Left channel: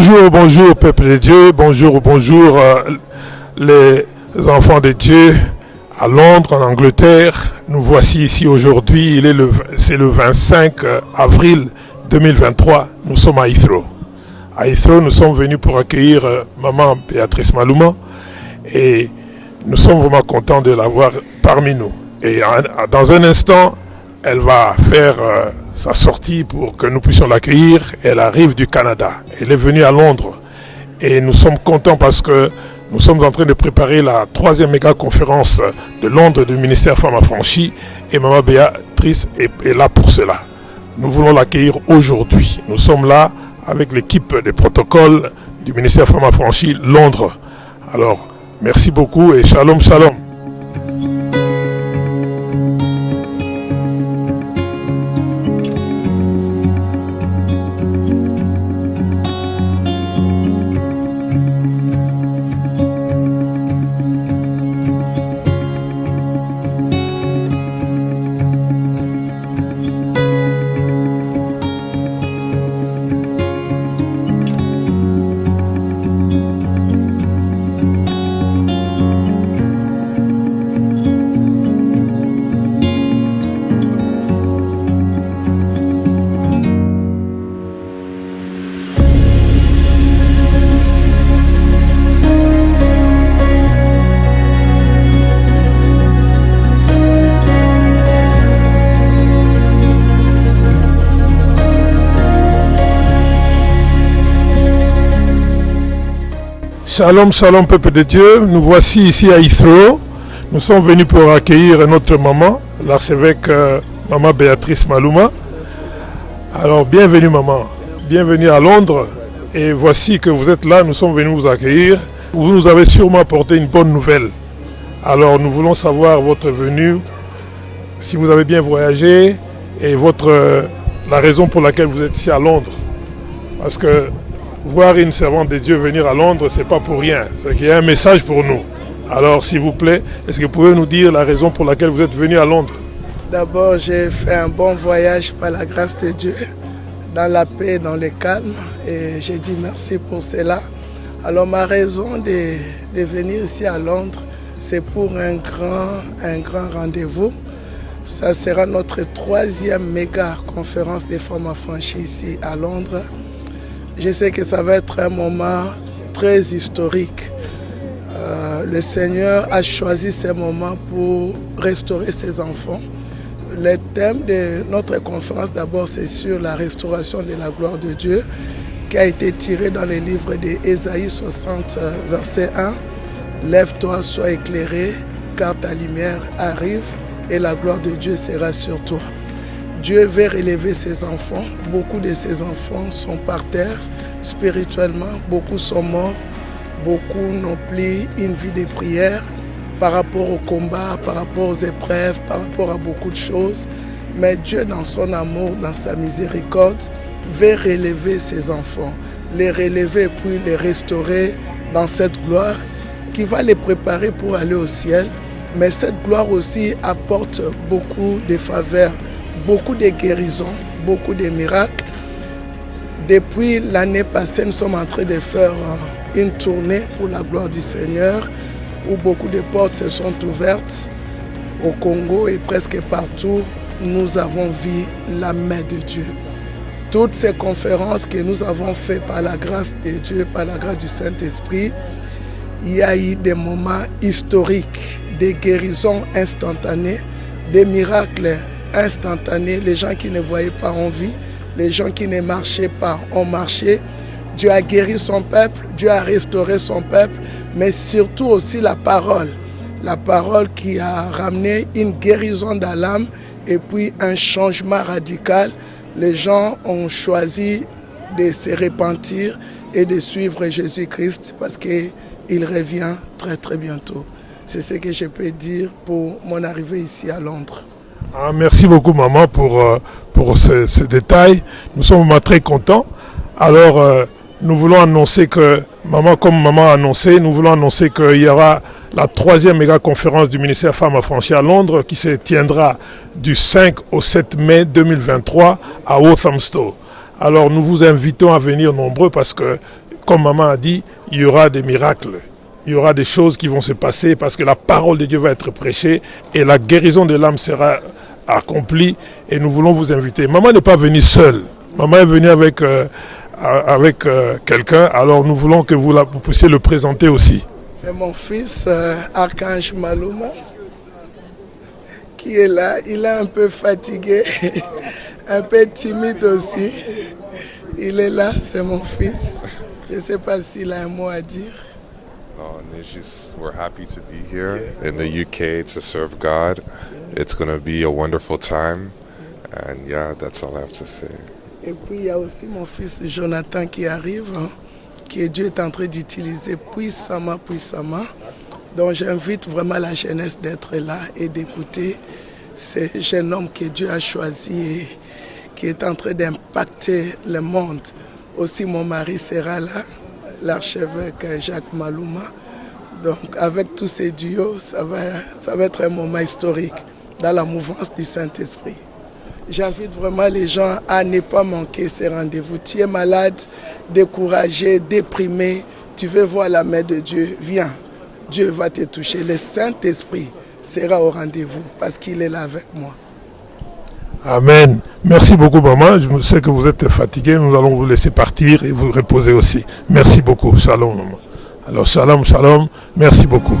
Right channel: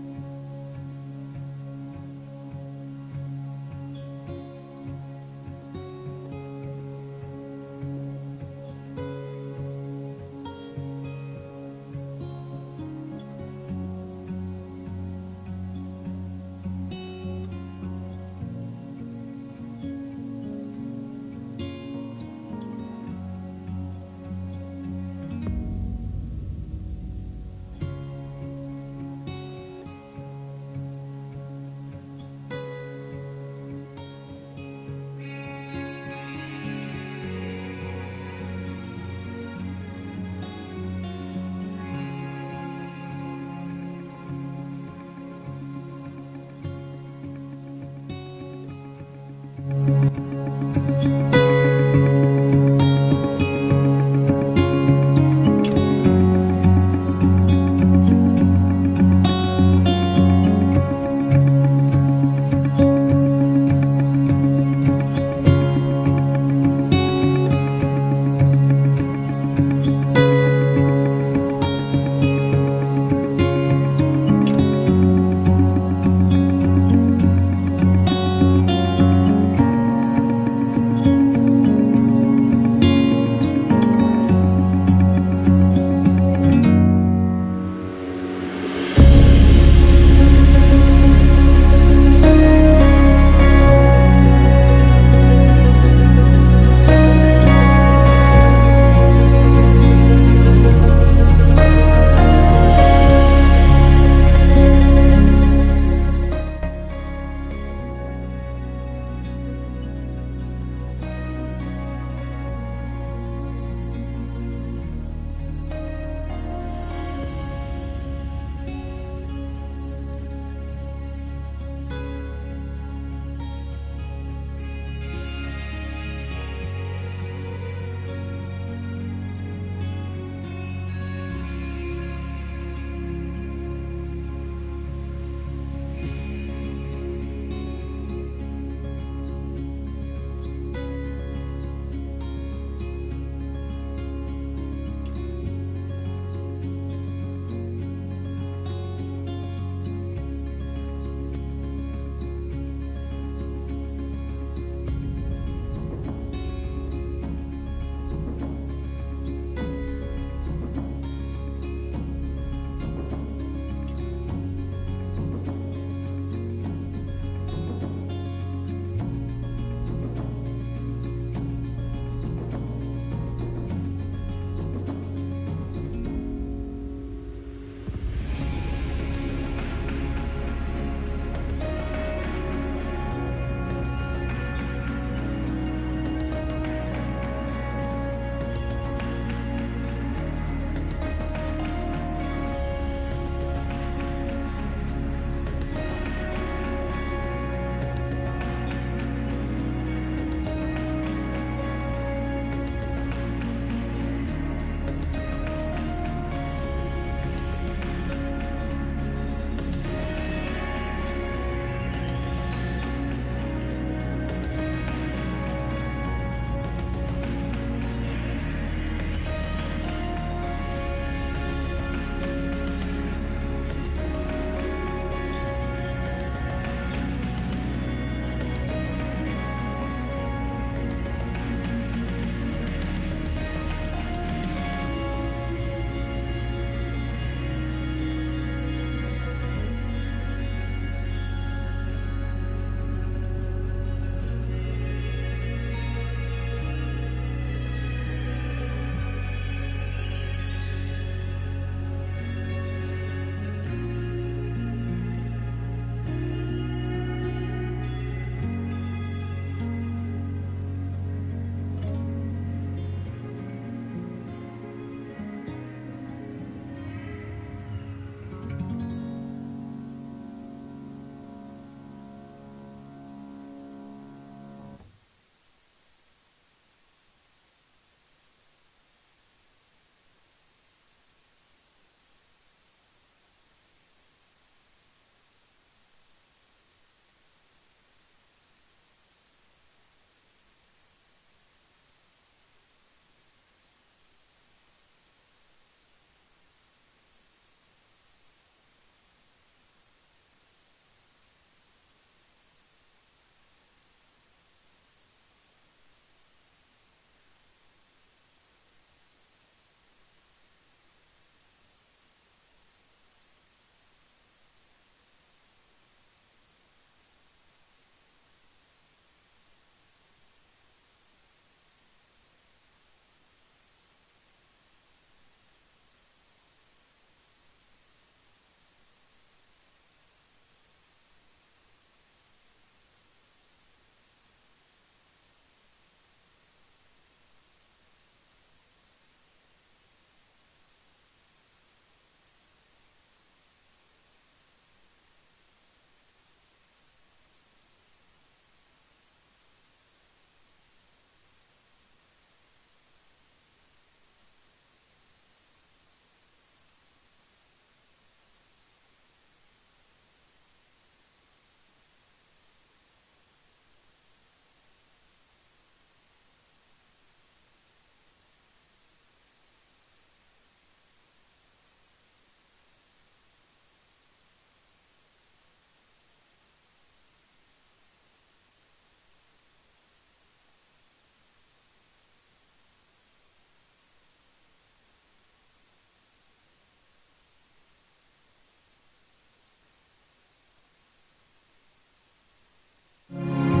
Bonjour, bonjour peuple de Dieu, bonjour, bonjour les enfants de Dieu à Londres, en Angleterre. Nous voici ici aujourd'hui, c'est le 25 avril 2023, nous sommes à Heathrow. À Heathrow, nous sommes venus pour accueillir maman Béatrice Malouma et nous sommes vraiment contents de l'avoir parmi nous. Et dans un instant, elle va faire sa sortie pour que nous puissions l'accueillir. Elle arrive du Canada. Elle est venue à Londres. Et nous sommes contents parce que nous sommes en train de préparer la 3e méga conférence de Londres du ministère Femmes Affranchies. Et maman Béatrice est là pour cela. Nous voulons l'accueillir aujourd'hui. Nous sommes là avec l'équipe des protocoles du ministère Femmes Affranchies Londres. Alors, merci beaucoup et shalom, shalom. Shalom, shalom peuple de Dieu, nous voici ici à Heathrow. Nous sommes venus pour accueillir notre maman, l'archevêque maman Béatrice Malouma. Alors bienvenue maman, bienvenue à Londres et voici que vous êtes là, nous sommes venus vous accueillir. Vous nous avez sûrement apporté une bonne nouvelle. Alors nous voulons savoir votre venue, si vous avez bien voyagé et la raison pour laquelle vous êtes ici à Londres. Parce que voir une servante de Dieu venir à Londres, ce n'est pas pour rien. C'est qu'il y a un message pour nous. Alors, s'il vous plaît, est-ce que vous pouvez nous dire la raison pour laquelle vous êtes venu à Londres? D'abord, j'ai fait un bon voyage par la grâce de Dieu, dans la paix, dans le calme. Et j'ai dit merci pour cela. Alors, ma raison de venir ici à Londres, c'est pour un grand rendez-vous. Ça sera notre 3e méga conférence des femmes affranchies ici à Londres. Je sais que ça va être un moment très historique. Le Seigneur a choisi ce moment pour restaurer ses enfants. Le thème de notre conférence d'abord, c'est sur la restauration de la gloire de Dieu, qui a été tiré dans le livre d'Ésaïe 60, verset 1. Lève-toi, sois éclairé, car ta lumière arrive et la gloire de Dieu sera sur toi. Dieu veut relever ses enfants. Beaucoup de ses enfants sont par terre spirituellement. Beaucoup sont morts. Beaucoup n'ont plus une vie de prière par rapport au combat, par rapport aux épreuves, par rapport à beaucoup de choses. Mais Dieu, dans son amour, dans sa miséricorde, veut relever ses enfants. Les relever et puis les restaurer dans cette gloire qui va les préparer pour aller au ciel. Mais cette gloire aussi apporte beaucoup de faveurs, beaucoup de guérisons, beaucoup de miracles. Depuis l'année passée, nous sommes en train de faire une tournée pour la gloire du Seigneur, où beaucoup de portes se sont ouvertes au Congo et presque partout, nous avons vu la main de Dieu. Toutes ces conférences que nous avons faites par la grâce de Dieu, par la grâce du Saint-Esprit, il y a eu des moments historiques, des guérisons instantanées, des miracles instantanés. Les gens qui ne voyaient pas ont vu, les gens qui ne marchaient pas ont marché. Dieu a guéri son peuple, Dieu a restauré son peuple, mais surtout aussi la parole qui a ramené une guérison dans l'âme et puis un changement radical. Les gens ont choisi de se repentir et de suivre Jésus-Christ parce qu'il revient très très bientôt. C'est ce que je peux dire pour mon arrivée ici à Londres. Merci beaucoup maman pour ce détail. Nous sommes vraiment très contents. Alors nous voulons annoncer que, comme maman a annoncé, nous voulons annoncer qu'il y aura la 3e méga conférence du ministère Femmes Affranchies à Londres qui se tiendra du 5 au 7 mai 2023 à Walthamstow. Alors nous vous invitons à venir nombreux parce que comme maman a dit, il y aura des miracles. Il y aura des choses qui vont se passer parce que la parole de Dieu va être prêchée et la guérison de l'âme sera accomplie. Et nous voulons vous inviter. Maman n'est pas venue seule. Maman est venue avec quelqu'un. Alors nous voulons que vous puissiez le présenter aussi. C'est mon fils, Archange Maluma, qui est là. Il est un peu fatigué, un peu timide aussi. Il est là, c'est mon fils. Je ne sais pas s'il a un mot à dire. We're happy to be here in the UK to serve God. It's going to be a wonderful time. And yeah, that's all I have to say. Et puis il y a aussi mon fils Jonathan qui arrive, que Dieu est en train d'utiliser puissamment. Donc j'invite vraiment la jeunesse d'être là et d'écouter ce jeune homme que Dieu a choisi et qui est en train d'impacter le monde. Aussi mon mari sera là, l'archevêque Jacques Maluma. Donc avec tous ces duos, ça va être un moment historique dans la mouvance du Saint-Esprit. J'invite vraiment les gens à ne pas manquer ces rendez-vous. Tu es malade, découragé, déprimé, tu veux voir la main de Dieu, viens. Dieu va te toucher. Le Saint-Esprit sera au rendez-vous parce qu'il est là avec moi. Amen. Merci beaucoup, maman. Je sais que vous êtes fatigué. Nous allons vous laisser partir et vous reposer aussi. Merci beaucoup. Shalom, maman. Alors, shalom. Merci beaucoup.